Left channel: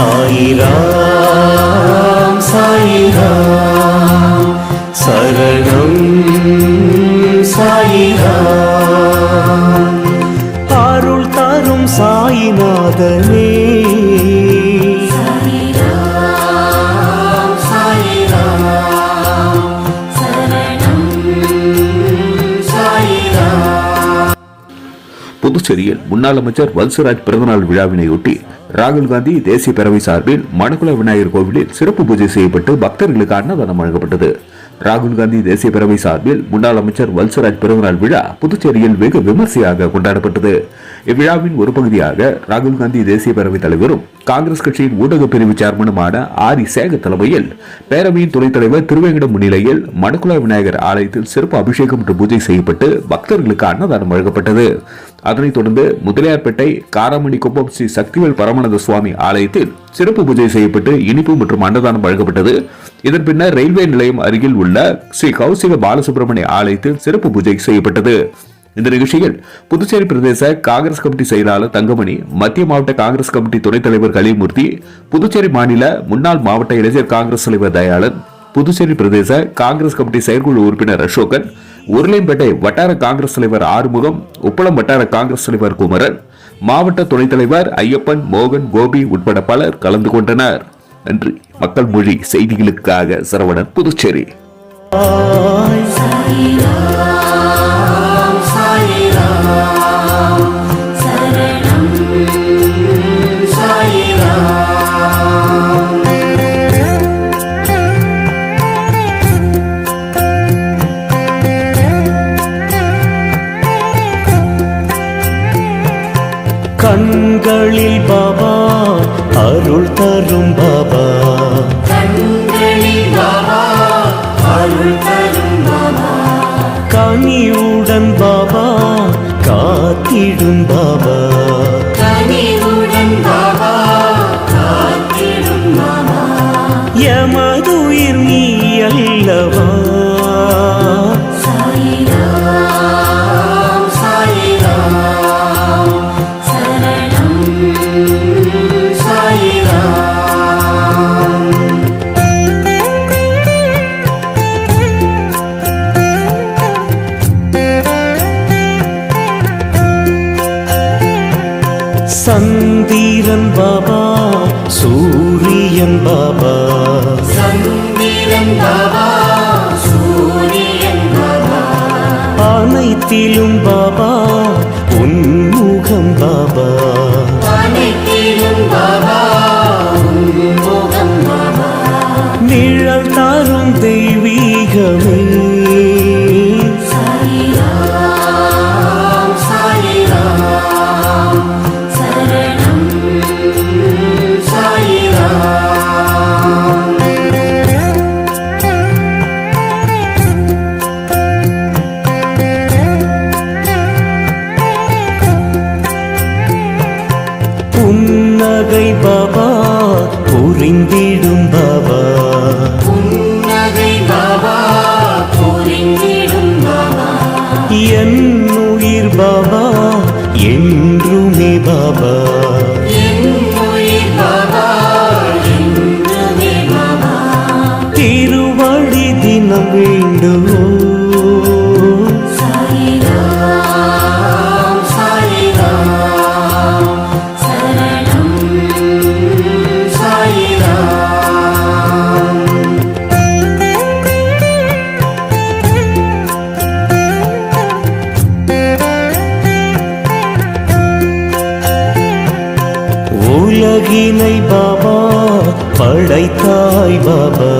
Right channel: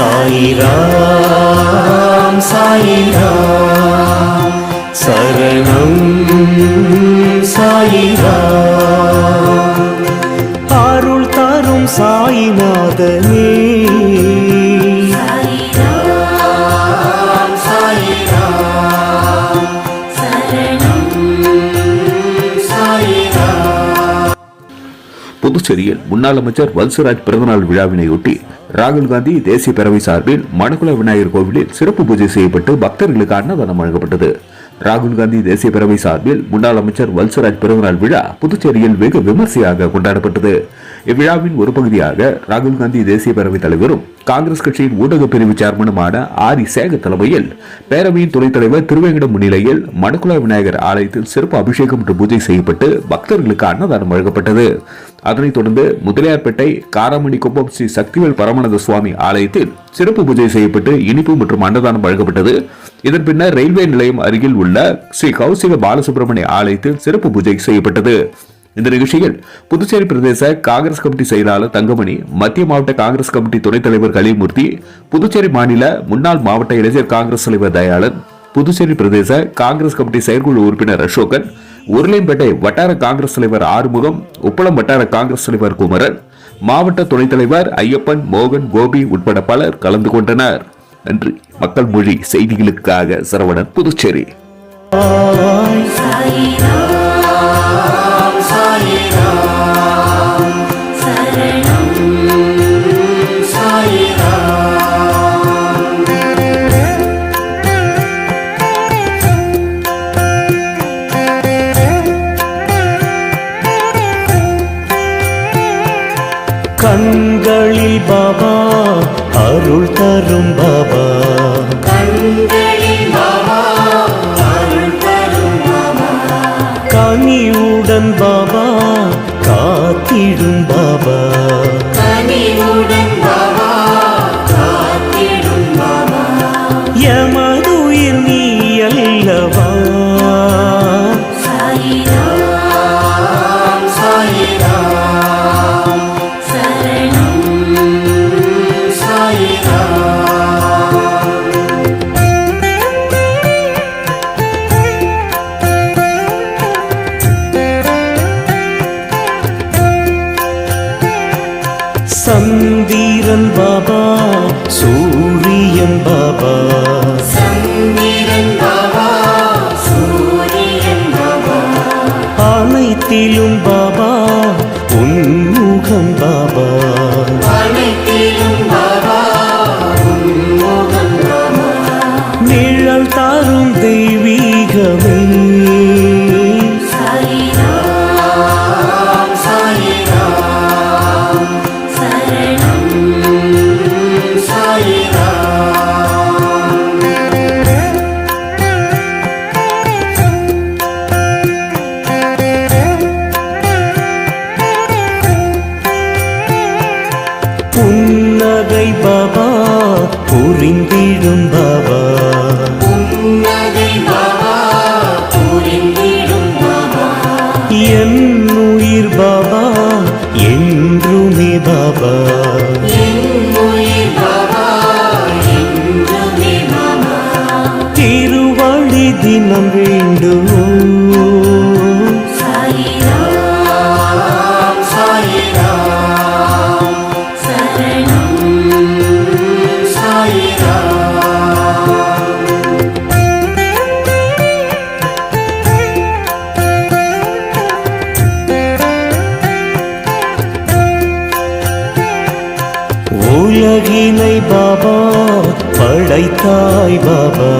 சாயிராம் சாயிராம் சரணம் சாயிராம் அருள் தரும் சாயிநாதனே புதுச்சேரியில் முன்னாள் அமைச்சர் வல்சராஜ் பிறந்தநாள் விழாவினையொட்டி ராகுல் காந்தி தேசிய பேரவை சார்பில் மணக்குள விநாயகர் கோவிலில் சிறப்பு பூஜை செய்யப்பட்டு பக்தர்களுக்கு அன்னதானம் வழங்கப்பட்டது. ராகுல் காந்தி தேசிய பேரவை சார்பில் முன்னாள் அமைச்சர் வல்சராஜ் பிறந்தநாள் விழா புதுச்சேரியில் வெகு விமர்சையாக கொண்டாடப்பட்டது. இவ்விழாவின் ஒரு பகுதியாக ராகுல் காந்தி தேசிய பேரவைத் தலைவரும் காங்கிரஸ் கட்சியின் ஊடக பிரிவு சேர்மனுமான ஆரி சேகர் தலைமையில் பேரவையின் துணைத் தலைவர் திருவேங்கடம் முன்னிலையில் மணக்குள விநாயகர் ஆலயத்தில் சிறப்பு அபிஷேகம் மற்றும் பூஜை செய்யப்பட்டு பக்தர்களுக்கு அன்னதானம் வழங்கப்பட்டது. அதனைத் தொடர்ந்து முதலியார்பேட்டை காராமணி குப்பம் ஸ்ரீ சக்திவேல் பரமானந்த சுவாமி ஆலயத்தில் சிறப்பு பூஜை செய்யப்பட்டு இனிப்பு மற்றும் அன்னதானம் வழங்கப்பட்டது. இதன் பின்னர் ரயில்வே நிலையம் அருகில் உள்ள ஸ்ரீ கௌசிக பாலசுப்ரமணிய ஆலயத்தில் சிறப்பு பூஜை செய்யப்பட்டது. இந்த நிகழ்ச்சியில் புதுச்சேரி பிரதேச காங்கிரஸ் கமிட்டி செயலாளர் தங்கமணி, மத்திய மாவட்ட காங்கிரஸ் கமிட்டி துணைத் தலைவர் கலிமூர்த்தி, புதுச்சேரி மாநில முன்னாள் மாவட்ட இளைஞர் காங்கிரஸ் தலைவர் தயாளன், புதுச்சேரி பிரதேச காங்கிரஸ் கமிட்டி செயற்குழு உறுப்பினர் அசோகன், உருளையம்பேட்டை வட்டார காங்கிரஸ் தலைவர் ஆறுமுகம், உப்பளம் வட்டார காங்கிரஸ் தலைவர் குமரன், மாவட்ட துணைத் தலைவர் ஐயப்பன், மோகன், கோபி உட்பட பலர் கலந்து கொண்டனர். நன்றி. மக்கள் மொழி செய்திகளுக்காக சரவணன், புதுச்சேரி. கண்களில் பாபா அருள் தரும் பாபா, கனிவுடன் பாபா காத்திடும் பாபா, எமதுயிர் நீ அல்லவா, சந்திரன் பாபா சூரியன் பாபா, அனைத்திலும் பாபா உன்முகம் பாபா, நிழல் தரும் தெய்வீகமே, புன்னகை பாபா புரிந்திடும் பாபா, என் உயிர் பாபா என்றுமே பாபா, திருவடி தினம் வேண்டுவோம். உலகினை பாபா படைத்தாய் பாபா,